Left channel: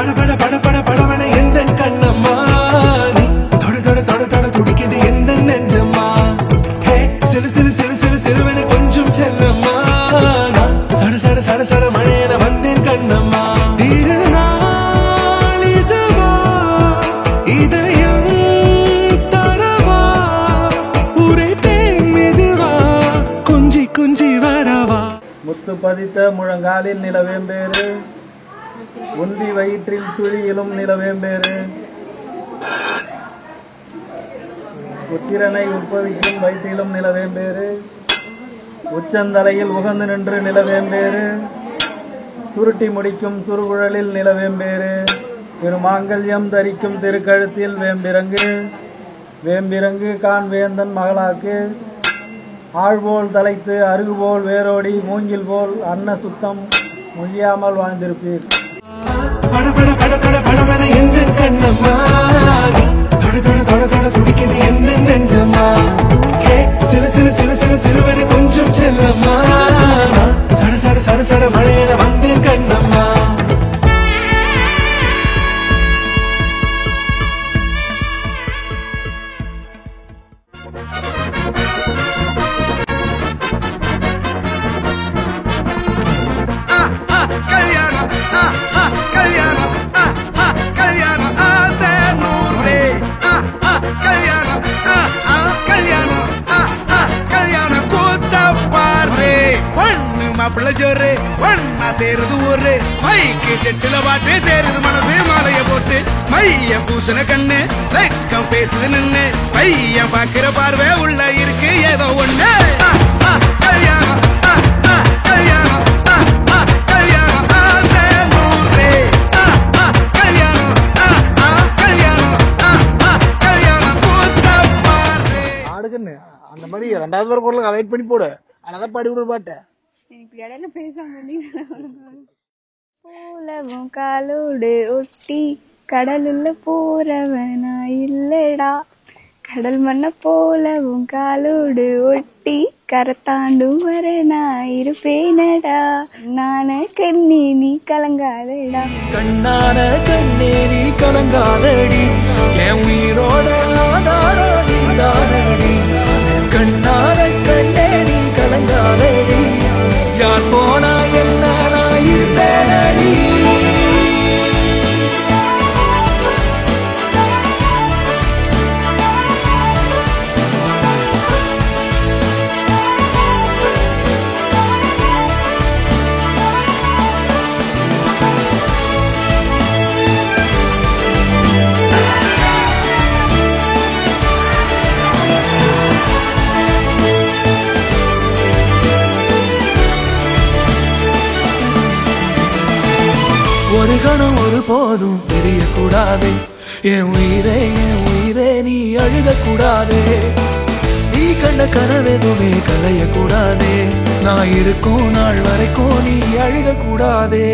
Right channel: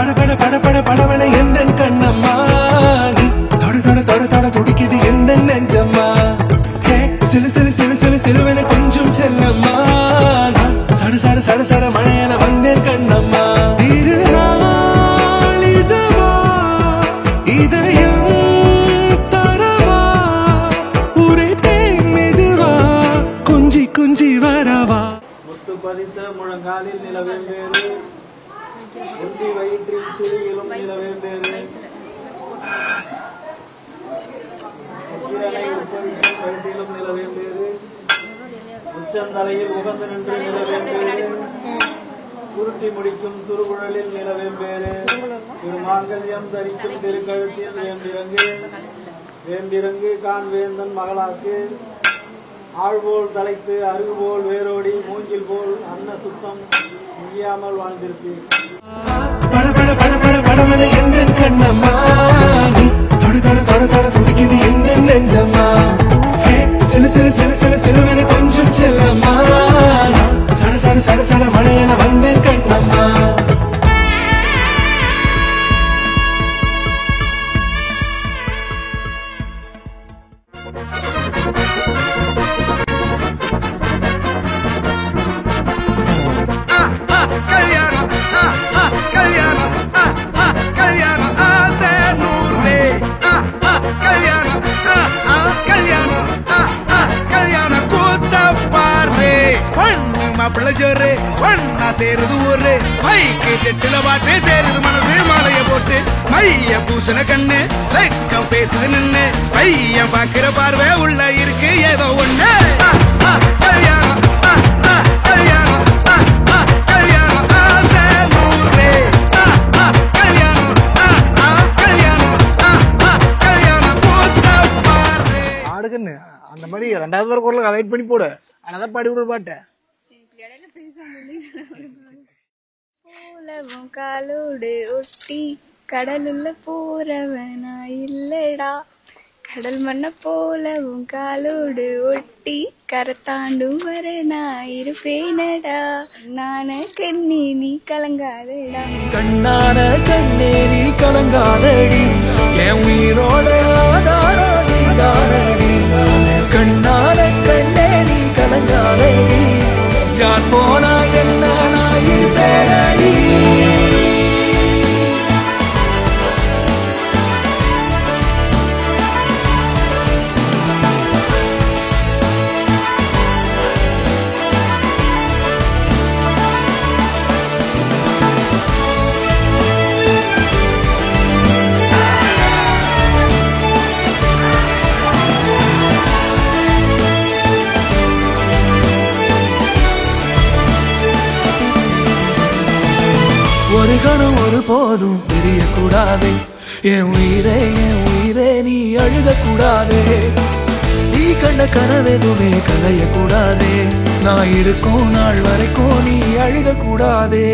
பட பட பட படவன எந்த கண்ணம்மா நீ தொட தொட தொட தொட துடிக்குது எந்த நெஞ்சம்மா ஹே சிலு சிலு சிலு சிலு சிலுவன கொஞ்சம் செல்லம்மா நான் சட சட சட சட மழையன வந்தேன் கண்ணம்மா திருநாள் இதுவா இதயம் தரவா உரைத்தேன் மெதுவா குஞ்சி குஞ்சி வரவா முத்து பதித்த முழங்காலில் நிலவேம்பேறு உந்தி வயிற்றில் சுழியிலும் நிலவேம்பேறு புத்திரனை உற்பவிக்கும் வயிற்றிலும் நிலவேம்பேறு உச்சந்தலையில் உகந்து நின்று நிலவேம்பேறு சுருட்டி முடிக்கும் சுருகுழலில் நிலவேம்பேறு திருமாங்கல்யம் தரிக்கும் திருக்கழுத்தில் வேம்பிறங்கு வேம்பிறங்கு கான் வேந்தன் மகளாக்கு ஆழ்போல் தலைத்து அருகுபோல் வேரோடி மூங்கில் போல் அன்ன சுத்தம் முழியாமல் வாழ்ந்திருப்பீர் பட பட பட பட படவன எந்த கண்ணம்மா நீ தொட தொட தொட தொட துடிக்குது எந்த நெஞ்சம்மா ஹே சிலு சிலு சிலு சிலு சிலுவன கொஞ்சம் செல்லம்மா சட சட சட சட மழையன வந்தேன் கண்ணம்மா மாப்பிள்ள ஜோரு ஒன்னா சேருது ஊரு மைக்கு செட்டில பாட்டு சேருது மனசு மாலைய போட்டு மைய பூசண கண்ணு வெக்கம் பேசுது நின்னு பையன் பாக்குற பார்வை உள்ள இருக்கு ஏதோ ஒண்ணு கல்யாணம் கல்யாணம் கல்யாணம் ஆசை நூறு கல்யாணம் கல்யாணம் கல்யாணம் கூத்த பாரு ஆடுகன்னு அந்த மாதிரி ரெண்டாவது ஒரு குரலுக்கு வெயிட் பண்ணி போடு அதான் பாடி விடு பாட்டை இடையில பேசாம உலகம் காலோடு ஒட்டி கடலுள்ள போறவனா இல்லடா கடல் மண்ண போலவும் காலோடு ஒட்டி கரத்தாண்டும் வர நான் இருப்பேனடா நான கண்ணே நீ கலங்காதடா கண்ணான கண்ணே நீ கலங்காதடி என் உயிரோட ஆதாரம் நீதானடி கண்ணான கண்ணே நீ கலங்காதடி யார் போனா என்ன நான் இருப்பேனடி ஒரு கணம் ஒரு போதும் தெரியக்கூடாதே என் உயிரே நீ அழுகக்கூடாதே நீ கண்ட கனவெதுமே கலையக்கூடாதே நான் இருக்கும் நாள் வரைக்கும் நீ அழுகக்கூடாதே